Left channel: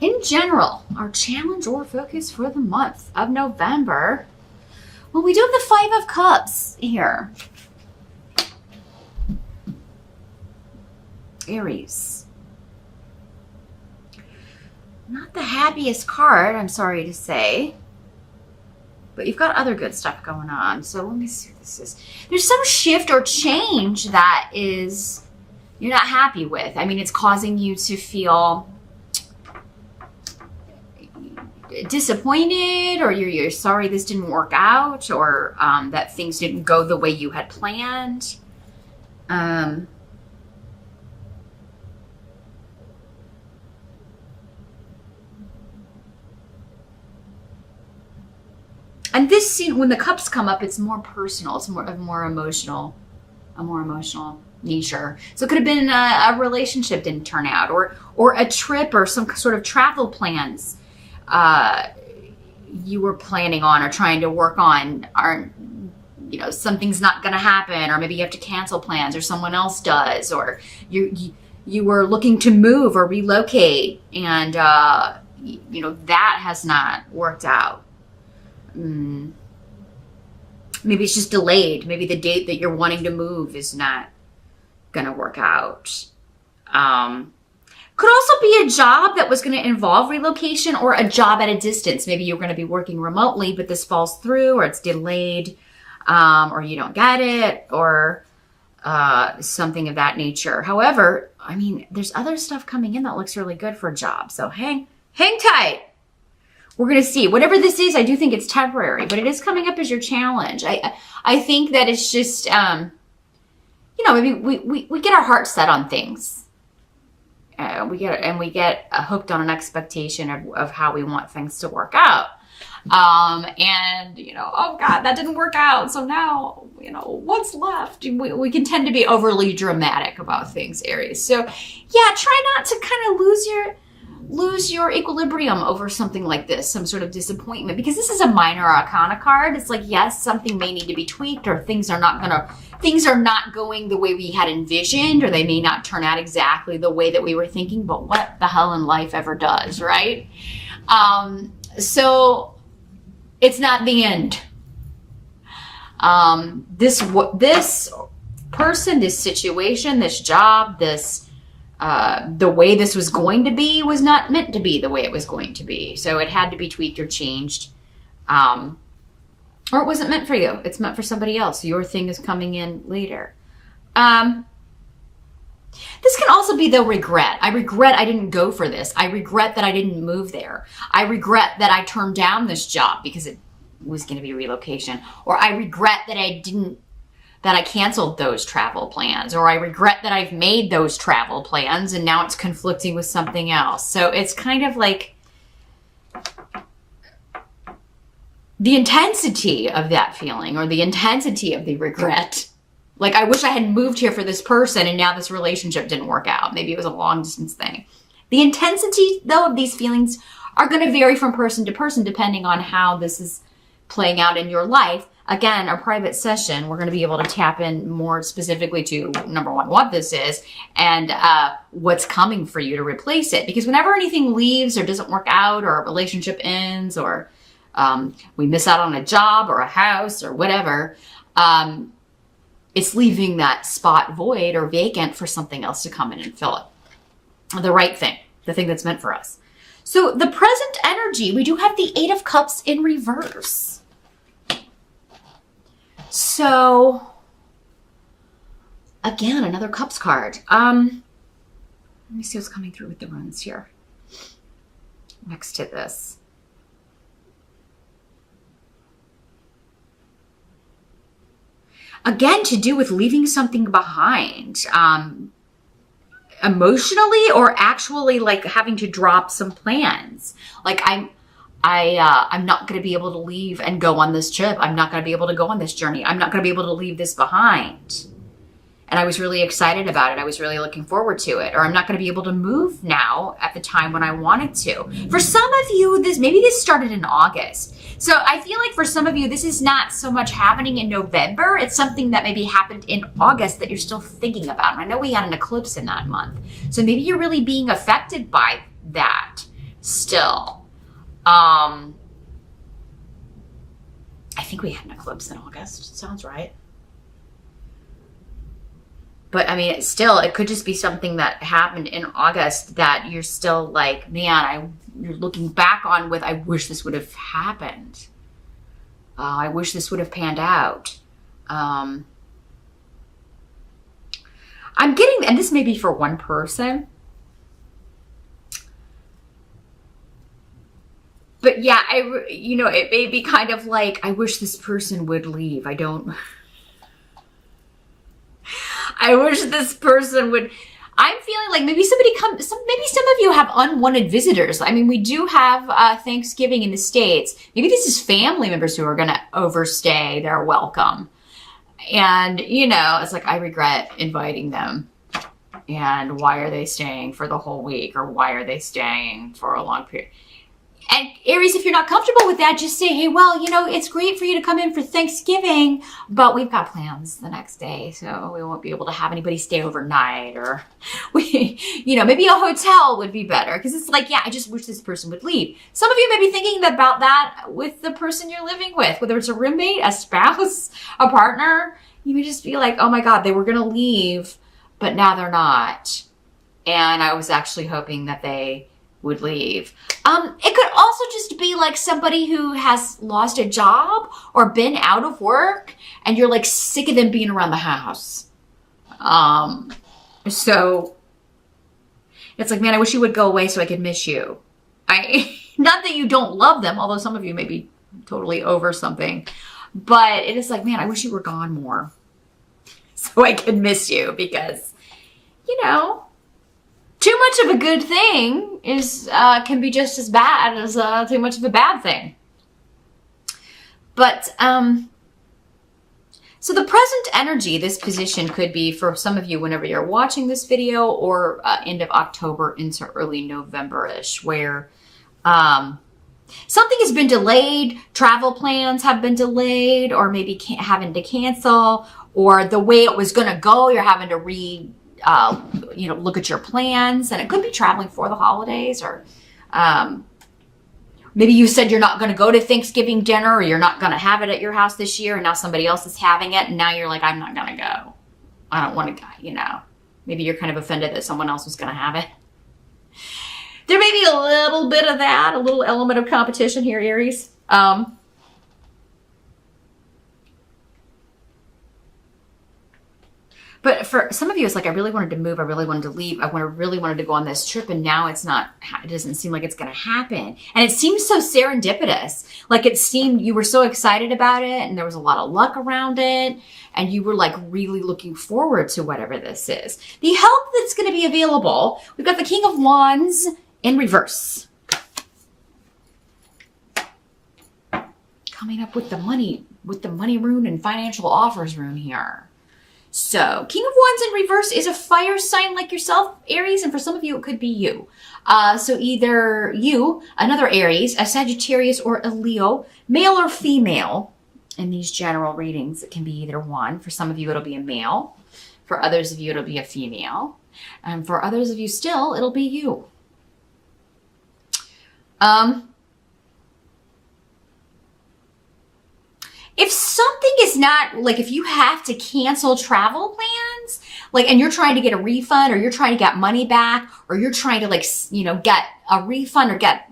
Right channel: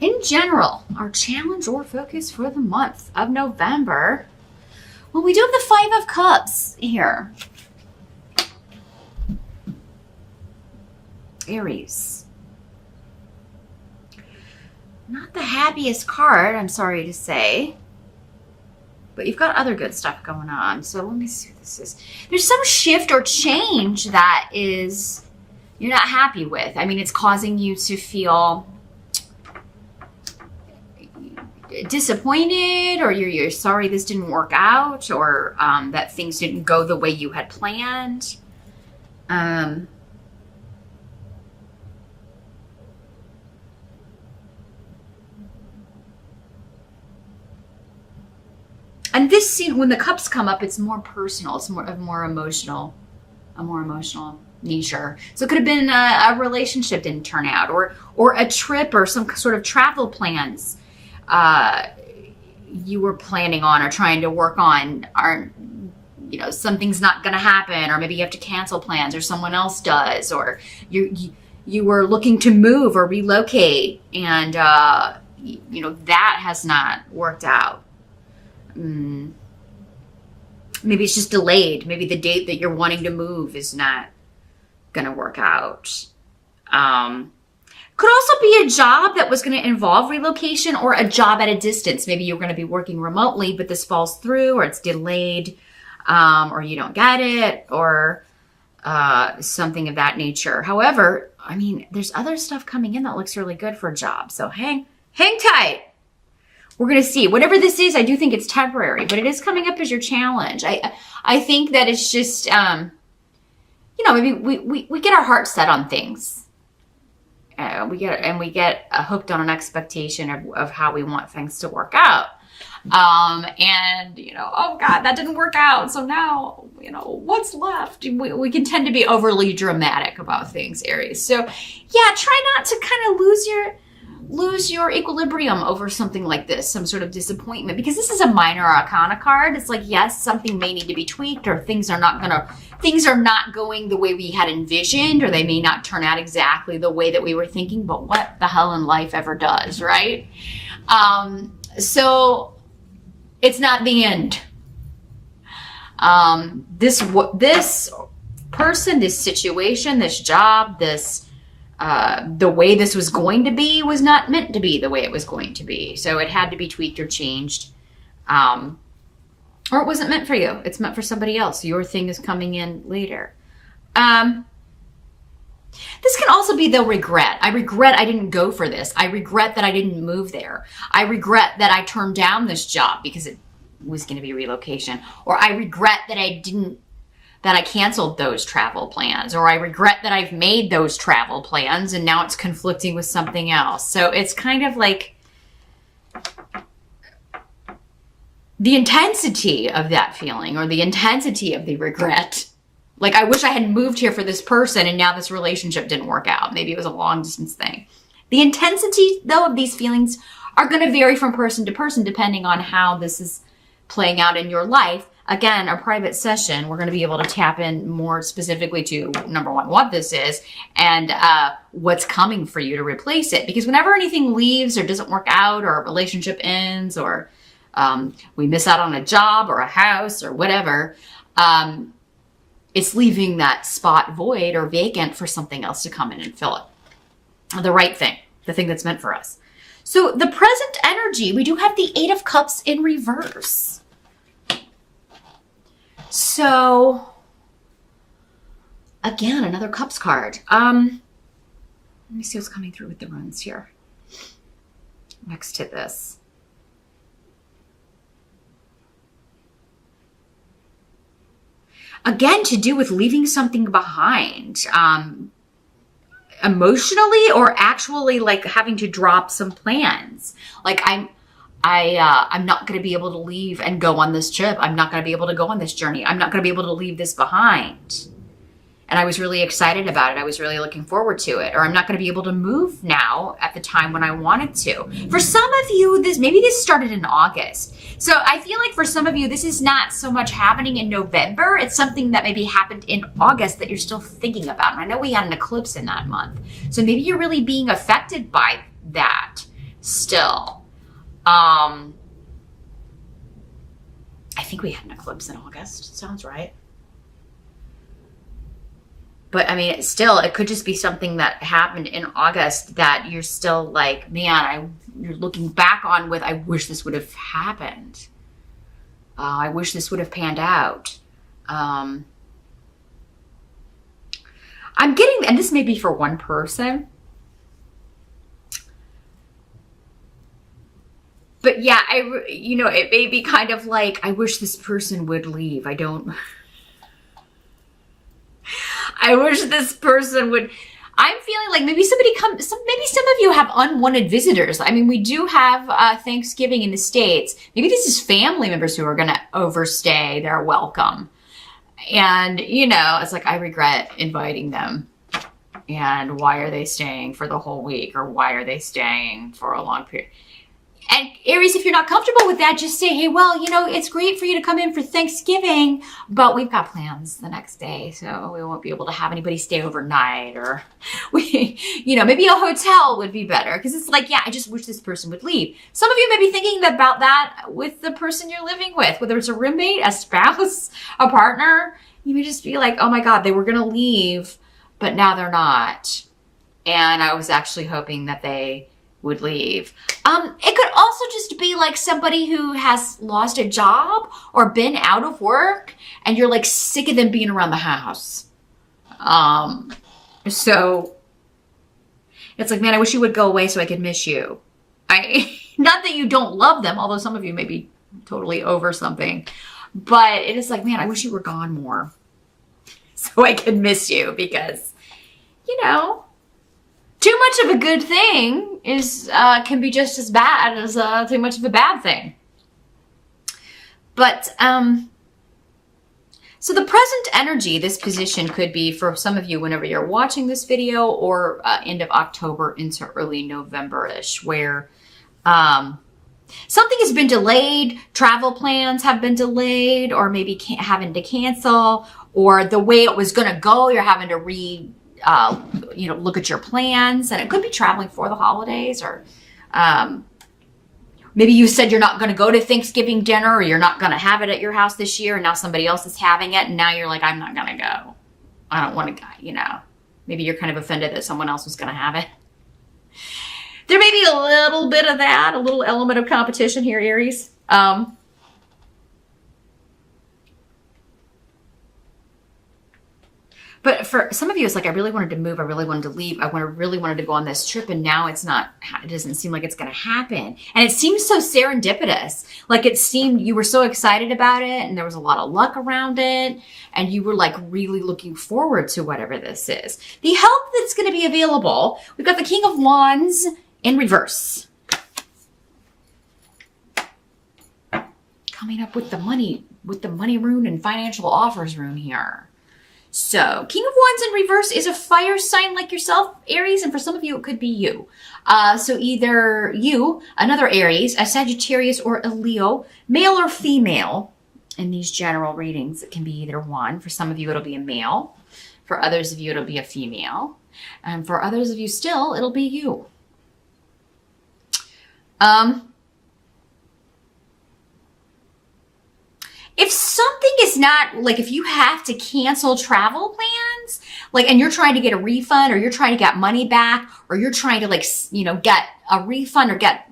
in general, our challenge or focus for the month of November. Well, we do have the Five of Cups here. Aries. Not the happiest card, I'm sorry to say. But you've got other good stuff going on. So let me see what this is. There's some shift or change that is you're not happy with. I mean, it's causing you to feel disappointed, or you're sorry this didn't work out, or that things didn't go the way you had planned. And this scene, when the cups come up, it's more personal. It's a more emotional nature. So it could have been a relationship didn't turn out, or a trip, or some sort of travel plans you were planning on or trying to work on are, something's not going to happen, or maybe you have to cancel plans, or someone else does, or you were looking to move or relocate, and that has not worked out. Maybe it's just delayed. Maybe the date that you're wanting to move is not going to work out. Could also be a job that was going to involve relocation, or a job at a distance. Maybe you're going to be working remotely, but this falls through, or it's delayed, or you don't get it, or something of that nature. However, I mean, there's other stuff coming in that looks really good for a job. So hang tight. We're going to see. Whatever this is, I do think it's temporary, but it is coming up as your challenge. I think that it's just, maybe we get our heart set on things. We get hooked on an expectation of how we want things to work out. Oh God, that didn't work out. So now, what's left? We can tend to be overly dramatic about things, Aries. So yeah, try not to kind of lose your equilibrium over something like this, some sort of disappointment, because this is a minor arcana card. It's like, yes, something may need to be tweaked, or things are not going the way we had envisioned, or they may not turn out exactly the way that we were thinking, but what the hell in life ever does, right? So it's not the end. This person, this situation, this job, the way this was going to be was not meant to be the way it was going to be. So it had to be tweaked or changed. Or it wasn't meant for you. It's meant for somebody else. Your thing is coming in later. This can also be the regret. I regret I didn't go for this. I regret that I didn't move there. I regret that I turned down this job because it was going to be relocation. Or I regret that I canceled those travel plans, or I regret that I've made those travel plans and now it's conflicting with something else. So it's kind of like the intensity of that feeling, or the intensity of the regret. Like, I wish I had moved here for this person and now this relationship didn't work out. Maybe it was a long distance thing. The intensity, though, of these feelings are going to vary from person to person depending on how this is playing out in your life. Again, a private session, we're going to be able to tap in more specifically to, number one, what this is, and what's coming for you to replace it. Because whenever anything leaves or doesn't work out, or a relationship ends, or we miss out on a job or a house or whatever, it's leaving that spot void or vacant for something else to come in and fill it. The right thing, the thing that's meant for us. So the present energy, we do have the Eight of Cups in reverse. So, again, another Cups card. Let me see what's coming through with the runes here. Next to this. Again, to do with leaving something behind. Emotionally, or actually like having to drop some plans. Like I'm not going to be able to leave and go on this trip. I'm not going to be able to go on this journey. I'm not going to be able to leave this behind. And I was really excited about it. I was really looking forward to it. Or I'm not going to be able to move now at the time when I wanted to. For some of you, maybe this started in August. So I feel like for some of you, this is not so much happening in November. It's something that maybe happened in August that you're still thinking about. And I know we had an eclipse in that month. So maybe you're really being affected by that. still. I think we had an eclipse in August. Sounds right. But I mean, still, it could just be something that happened in August that you're still like, man, you're looking back on with, I wish this would have happened. I wish this would have panned out. I'm getting, and this may be for one person. But yeah, it may be kind of like, I wish this person would leave. I wish this person would. I'm feeling like maybe maybe some of you have unwanted visitors. I mean, we do have Thanksgiving in the States. Maybe this is family members who are going to overstay their welcome. And, it's like, I regret inviting them. And why are they staying for the whole week? Or why are they staying for a long period? And Aries, if you're not comfortable with that, just say, hey, well, it's great for you to come in for Thanksgiving, but we've got plans the next day, so we won't be able to have anybody stay overnight, or maybe a hotel would be better, because it's like, yeah, I just wish this person would leave. Some of you may be thinking about that with the person you're living with, whether it's a roommate, a spouse, a partner. You may just be like, oh my God, they were going to leave, but now they're not. And I was actually hoping that they would leave. It could also just be like somebody who has lost a job or been out of work and you're like sick of them being around the house. So it's like, man, I wish you would go away so I could miss you. Not that you don't love them, although some of you may be totally over something, but it is like, man, I wish you were gone more so I could miss you, because, too much of a good thing can be just as bad as too much of a bad thing. But so the present energy, this position could be for some of you whenever you're watching this video, or end of October into early November-ish, where something has been delayed, travel plans have been delayed, or maybe having to cancel, or the way it was going to go, you're having to look at your plans, and it could be traveling for the holidays, or maybe you said you're not going to go to Thanksgiving dinner, or you're not going to have it at your house this year, and now somebody else is having it, and now you're like, I'm not going to go. I don't want to go, Maybe you're kind of offended that someone else was going to have it. There may be a little bit of that, a little element of competition here, Aries. But for some of you, it's like, I really wanted to move. I really wanted to leave. I really wanted to go on this trip. And now it doesn't seem like it's going to happen. And it seems so serendipitous. Like it seemed you were so excited about it, and there was a lot of luck around it. And you were like really looking forward to whatever this is. The help that's going to be available. We've got the King of Wands in reverse. Coming up with the money rune and financial offers rune here. So, King of Wands in reverse is a fire sign like yourself, Aries, and for some of you, it could be you. So either you, another Aries, a Sagittarius, or a Leo, male or female. In these general readings, it can be either one. For some of you, it'll be a male. For others of you, it'll be a female. And for others of you still, it'll be you. If something is not, like if you have to cancel travel plans, like, and you're trying to get a refund, or you're trying to get money back, or you're trying to get a refund, or get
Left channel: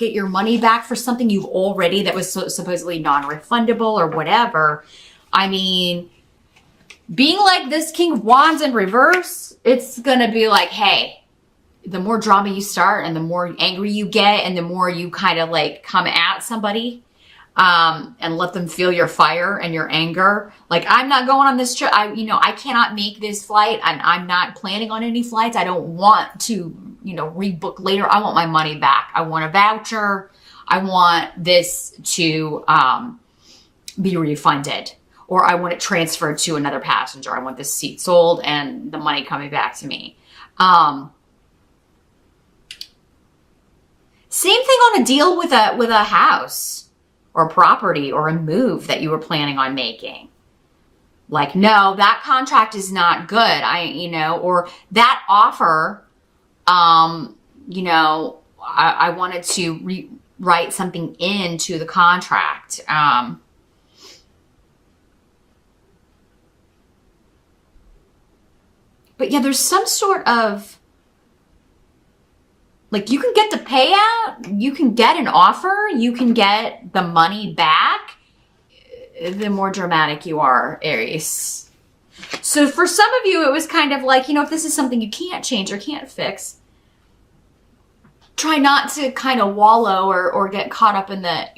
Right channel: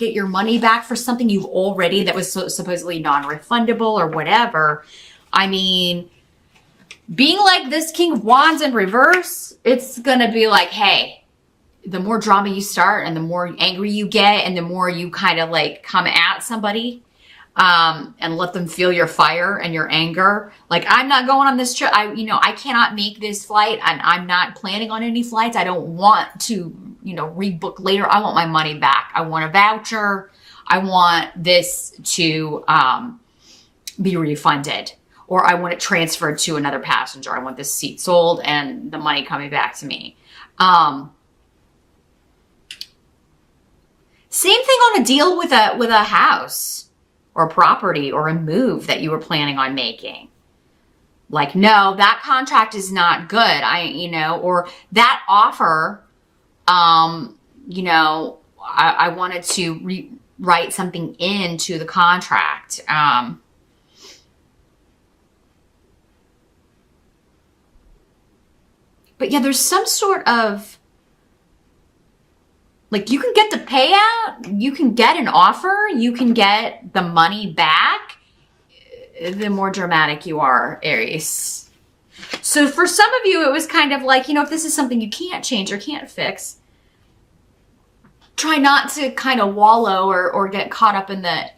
your money back for something you already, that was supposedly non-refundable or whatever. I mean, being like this King of Wands in reverse, it's going to be like, hey, the more drama you start and the more angry you get and the more you kind of like come at somebody, and let them feel your fire and your anger. Like, I'm not going on this trip. I cannot make this flight. I'm not planning on any flights. I don't want to, rebook later. I want my money back. I want a voucher. I want this to be refunded, or I want it transferred to another passenger. I want this seat sold and the money coming back to me. Same thing on a deal with a house or a property or a move that you were planning on making. Like, no, that contract is not good. Or that offer, I wanted to write something into the contract. But yeah, there's some sort of, like, you can get the payout, you can get an offer, you can get the money back, the more dramatic you are, Aries. So for some of you, it was kind of like, if this is something you can't change or can't fix, try not to kind of wallow or get caught up in the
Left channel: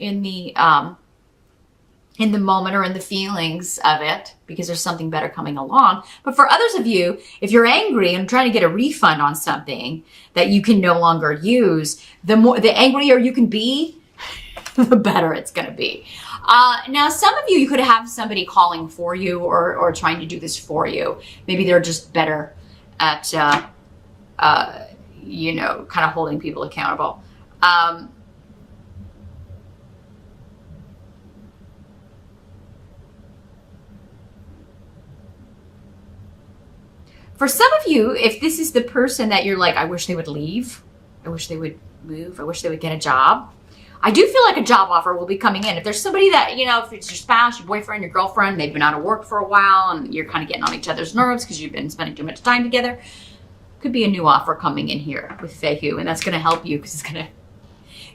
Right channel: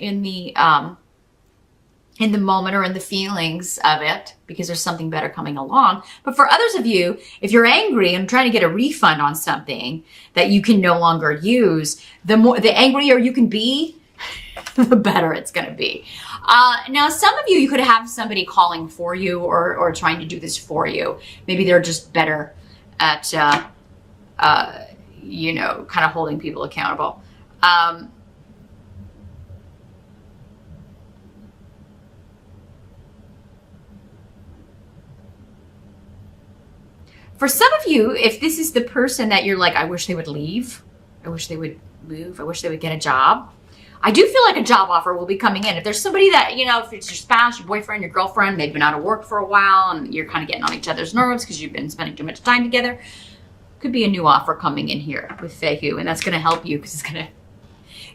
moment or in the feelings of it, because there's something better coming along. But for others of you, if you're angry and trying to get a refund on something that you can no longer use, the angrier you can be, the better it's going to be. Now, some of you could have somebody calling for you or trying to do this for you. Maybe they're just better at, kind of holding people accountable. For some of you, if this is the person that you're like, I wish they would leave, I wish they would move, I wish they would get a job, I do feel like a job offer will be coming in. If there's somebody that, if it's your spouse, your boyfriend, your girlfriend, they've been out of work for a while and you're kind of getting on each other's nerves because you've been spending too much time together, could be a new offer coming in here with Fehu, and that's going to help you because it's going to,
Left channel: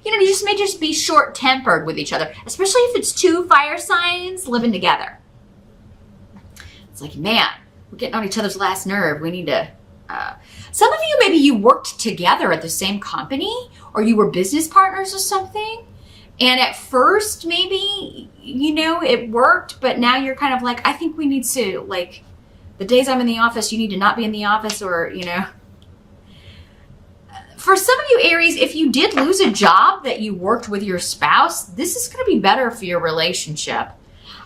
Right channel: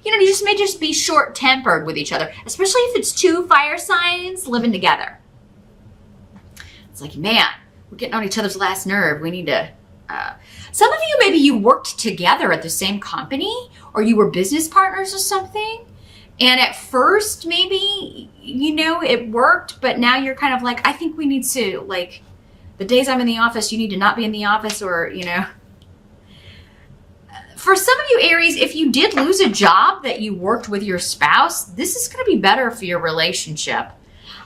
you just may just be short-tempered with each other, especially if it's two fire signs living together. It's like, man, we're getting on each other's last nerve. We need to, some of you, maybe you worked together at the same company or you were business partners or something. And at first, maybe, it worked, but now you're kind of like, I think we need to, like, the days I'm in the office, you need to not be in the office, or, For some of you, Aries, if you did lose a job that you worked with your spouse, this is going to be better for your relationship.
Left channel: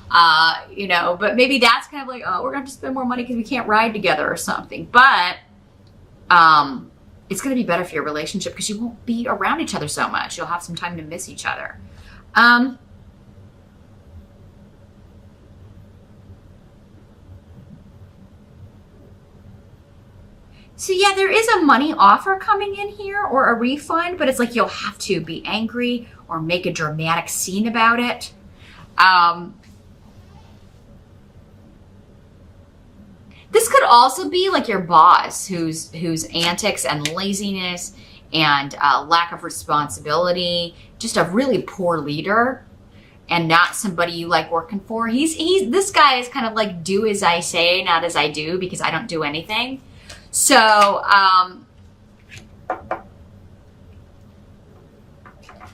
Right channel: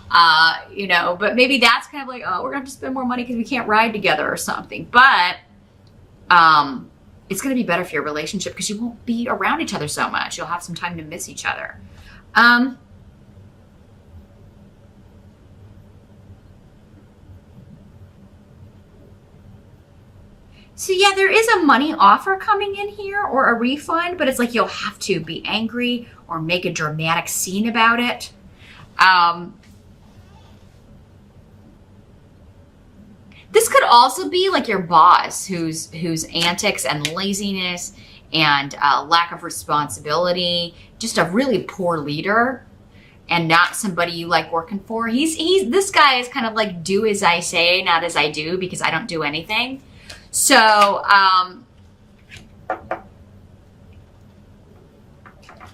But maybe that's kind of like, oh, we're gonna have to spend more money because we can't ride together or something. But it's gonna be better for your relationship because you won't be around each other so much. You'll have some time to miss each other. So yeah, there is a money offer coming in here or a refund, but it's like you'll have to be angry or make a dramatic scene about it. This could also be like your boss whose antics and laziness and lack of responsibility, just a really poor leader and not somebody you like working for. This guy is kind of like, do as I say, not as I do, because I don't do anything. So,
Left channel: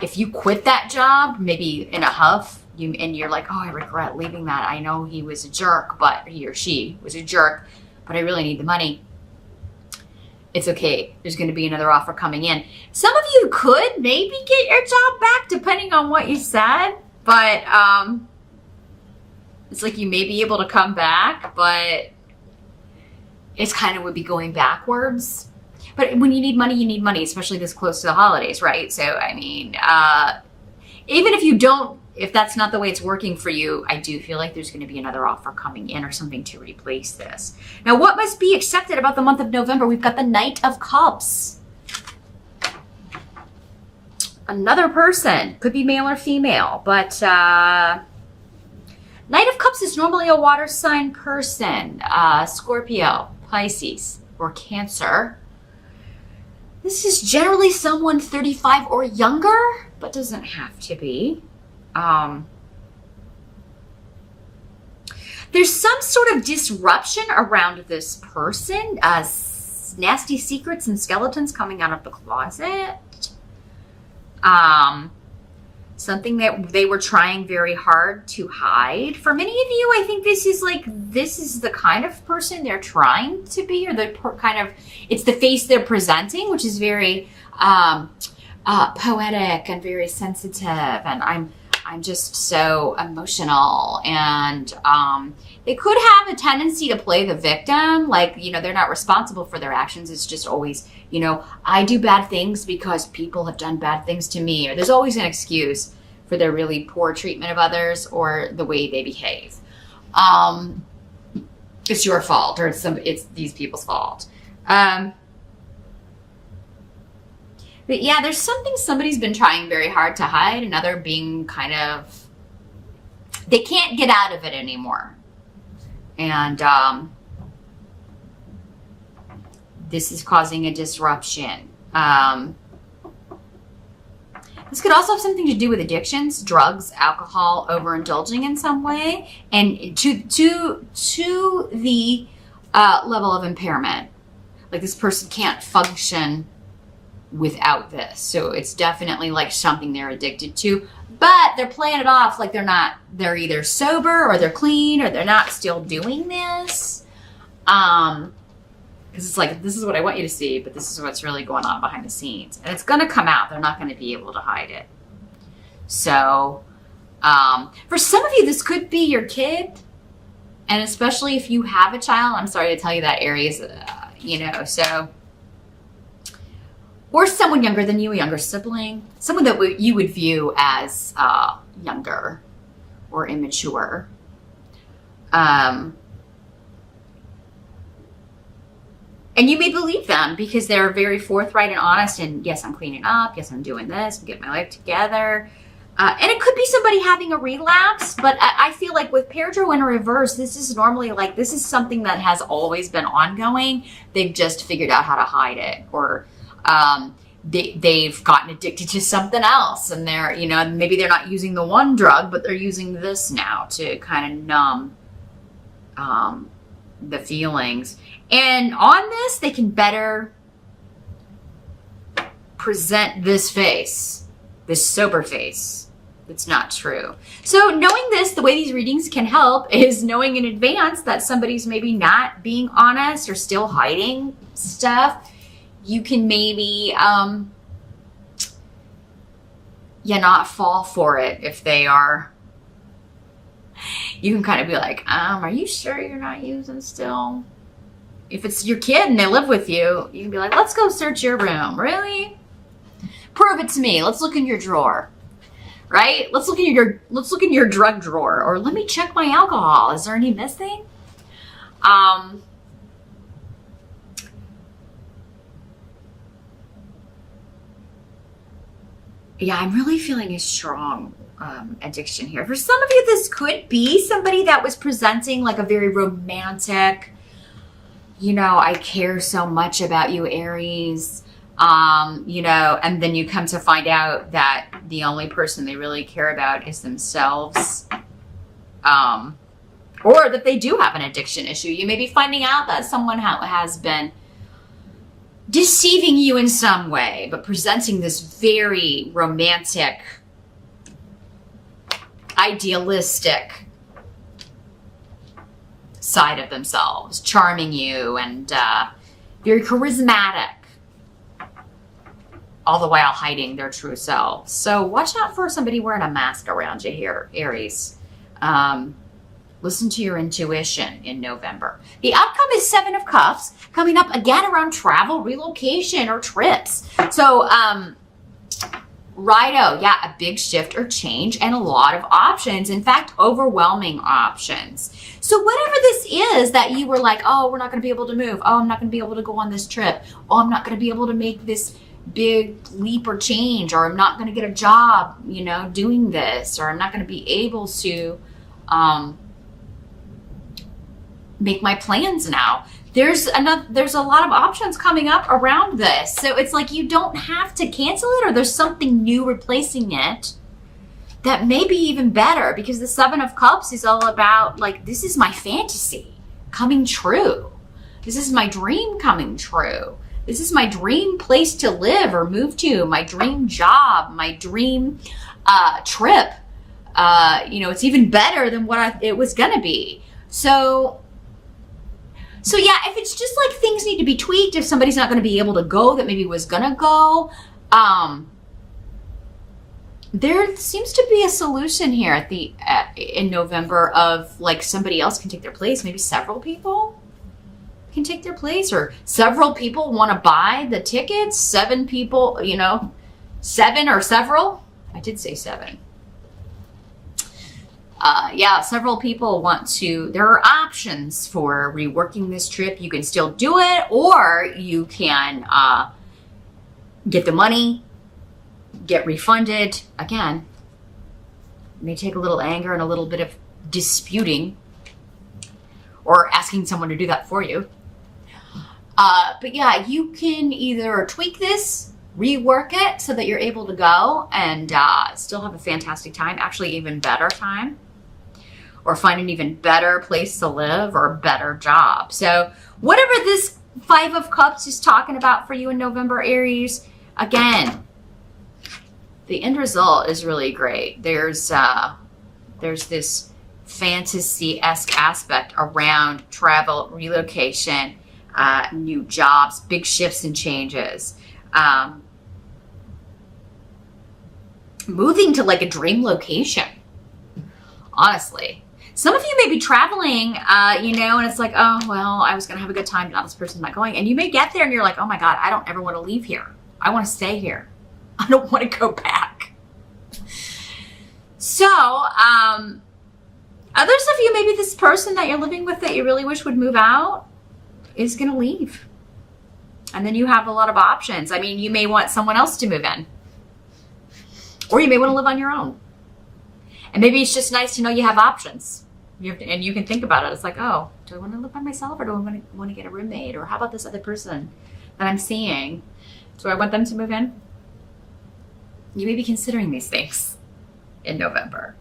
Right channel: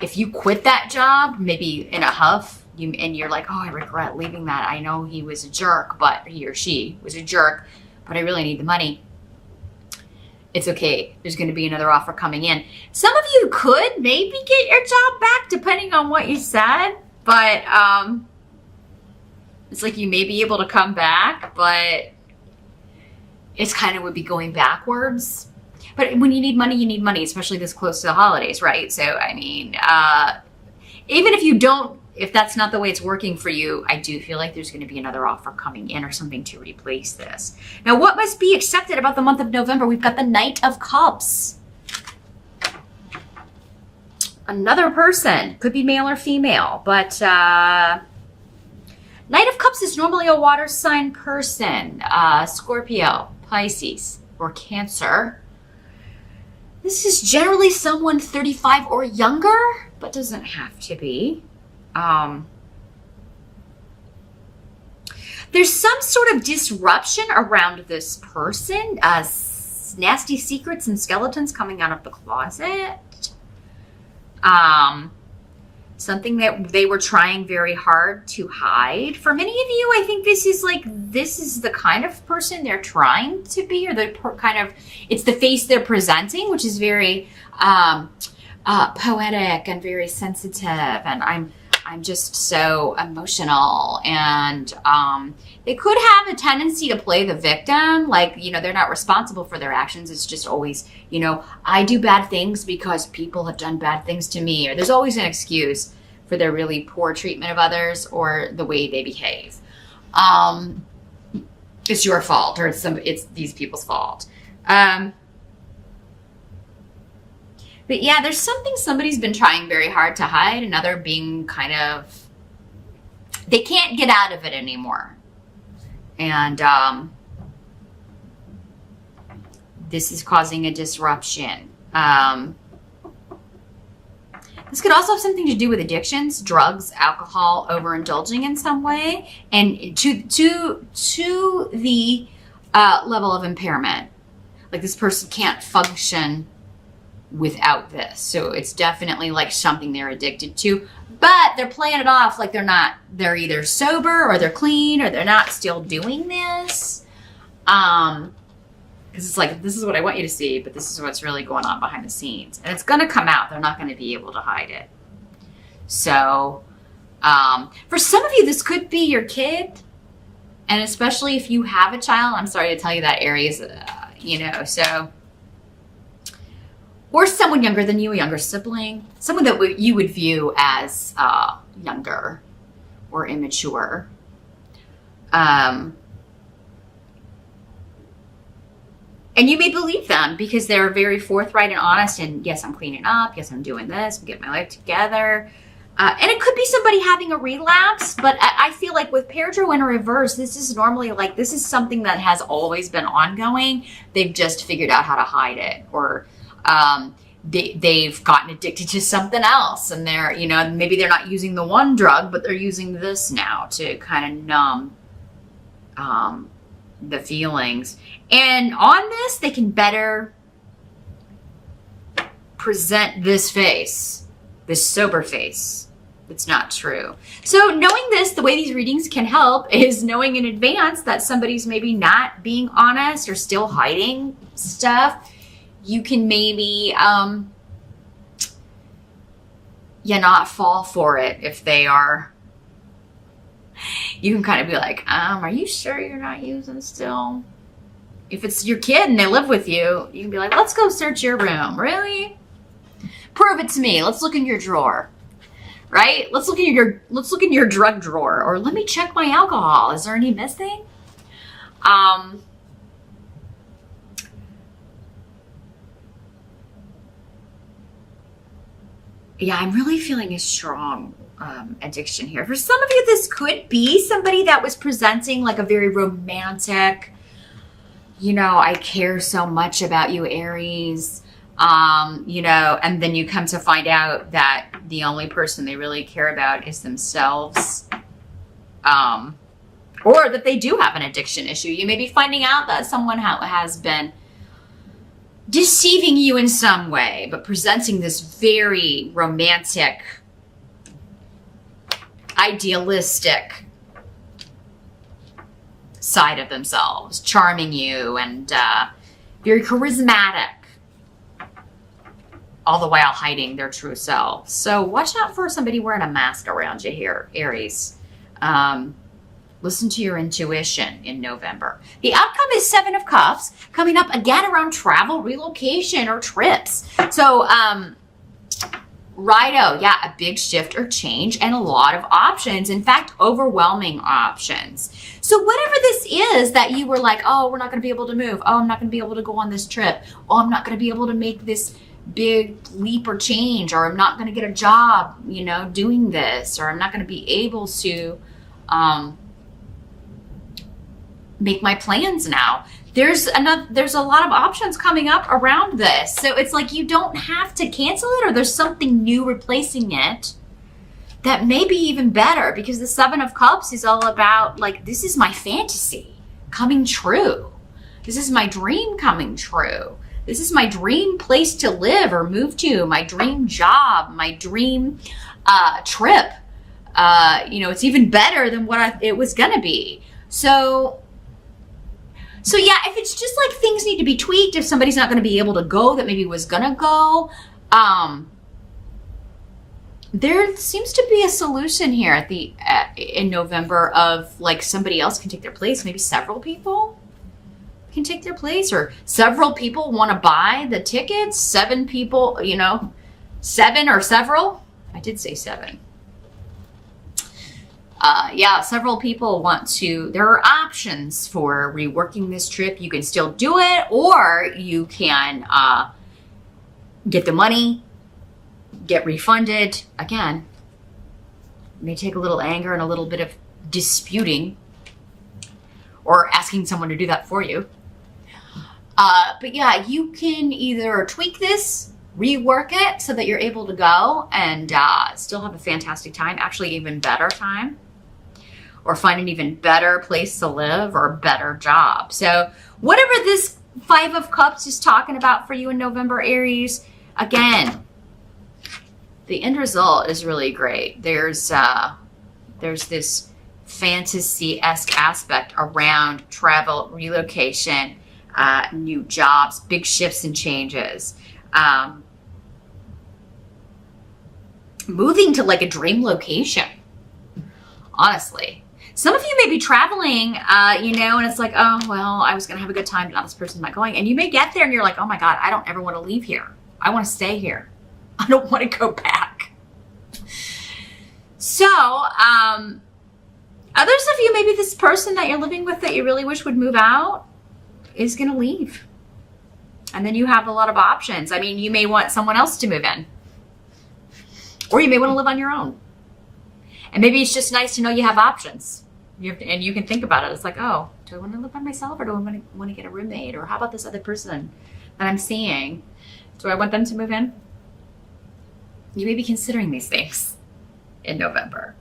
if you quit that job, maybe in a huff, and you're like, oh, I regret leaving that. I know he was a jerk, but he or she was a jerk, but I really need the money. It's okay. There's going to be another offer coming in. Some of you could maybe get your job back depending on what you said, but it's like you may be able to come back, but it's kind of would be going backwards. But when you need money, especially this close to the holidays, right? So, I mean, even if that's not the way it's working for you, I do feel like there's going to be another offer coming in or something to replace this. Now, what must be accepted about the month of November? We've got the Knight of Cups. Another person, could be male or female, but Knight of Cups is normally a water sign person, Scorpio, Pisces, or Cancer. This is generally someone 35 or younger, but doesn't have to be. There's some sort of disruption around this person, nasty secrets and skeletons coming out of the closet. Something that they were trying very hard to hide. For many of you, I think this is the kind of person they're trying to be, or it's the face they're presenting, which is very poetic and very sensitive, and I'm just so emotional, and they could have a tendency to play the victim, like, they're not responsible for their actions. It's just always, I do bad things because people have done bad things to me, or there's always an excuse for their really poor treatment of others or the way they behave. It's your fault, or it's these people's fault. But yeah, there's something somebody's been trying very hard to hide, another being kind of, they can't get out of it anymore. And this is causing a disruption. This could also have something to do with addictions, drugs, alcohol, overindulging in some way, and to the level of impairment. Like this person can't function without this. So it's definitely like something they're addicted to, but they're playing it off like they're either sober or they're clean or they're not still doing this. Because it's like, this is what I want you to see, but this is what's really going on behind the scenes. And it's going to come out. They're not going to be able to hide it. So, for some of you, this could be your kid. And especially if you have a child, I'm sorry to tell you that, Aries, so. Or someone younger than you, a younger sibling. Someone that you would view as younger or immature. And you may believe them because they're very forthright and honest. And yes, I'm cleaning up. Yes, I'm doing this. I'm getting my life together. And it could be somebody having a relapse. But I feel like with Paratrue in reverse, this is normally like, this is something that has always been ongoing. They've just figured out how to hide it. Or they've gotten addicted to something else. And they're, maybe they're not using the one drug, but they're using this now to kind of numb the feelings. And on this, they can better present this face, this sober face. It's not true. So knowing this, the way these readings can help is knowing in advance that somebody's maybe not being honest or still hiding stuff. You can maybe, not fall for it if they are. You can kind of be like, are you sure you're not using still? If it's your kid and they live with you, you can be like, let's go search your room. Really? Prove it to me. Let's look in your drawer. Right? Let's look in your drug drawer, or let me check my alcohol. Is there any missing? Yeah, I'm really feeling a strong addiction here. For some of you, this could be somebody that was presenting like a very romantic, I care so much about you, Aries, and then you come to find out that the only person they really care about is themselves, or that they do have an addiction issue. You may be finding out that someone has been deceiving you in some way, but presenting this very romantic, idealistic side of themselves, charming you and very charismatic, all the while hiding their true selves. So watch out for somebody wearing a mask around you here, Aries. Listen to your intuition in November. The outcome is 7 of Cups, coming up again around travel, relocation, or trips. So, righto, yeah, a big shift or change and a lot of options. In fact, overwhelming options. So whatever this is that you were like, oh, we're not going to be able to move. Oh, I'm not going to be able to go on this trip. Oh, I'm not going to be able to make this big leap or change, or I'm not going to get a job, doing this, or I'm not going to be able to make my plans now. There's a lot of options coming up around this. So it's like you don't have to cancel it, or there's something new replacing it that may be even better, because the 7 of Cups is all about like, this is my fantasy coming true. This is my dream coming true. This is my dream place to live or move to, my dream job, my dream trip. It's even better than what it was going to be. So yeah, if it's just like things need to be tweaked, if somebody's not going to be able to go that maybe was going to go, there seems to be a solution here in November of like somebody else can take their place. Maybe several people can take their place, or several people want to buy the tickets. 7 people, 7 or several. I did say 7. Several people want to, there are options for reworking this trip. You can still do it, or you can get the money, get refunded. Again, it may take a little anger and a little bit of disputing or asking someone to do that for you. But yeah, you can either tweak this, rework it so that you're able to go and still have a fantastic time, actually even better time, or find an even better place to live or a better job. So whatever this Five of Cups is talking about for you in November, Aries, again, the end result is really great. There's this fantasy-esque aspect around travel, relocation, new jobs, big shifts and changes. Moving to like a dream location, honestly. Some of you may be traveling, and it's like, oh, well, I was going to have a good time, but this person's not going. And you may get there and you're like, oh my God, I don't ever want to leave here. I want to stay here. I don't want to go back. So, others of you, maybe this person that you're living with that you really wish would move out is going to leave. And then you have a lot of options. I mean, you may want someone else to move in. Or you may want to live on your own. And maybe it's just nice to know you have options. And you can think about it. It's like, oh, do I want to live by myself or do I want to get a roommate? Or how about this other person that I'm seeing? Do I want them to move in? You may be considering these things in November.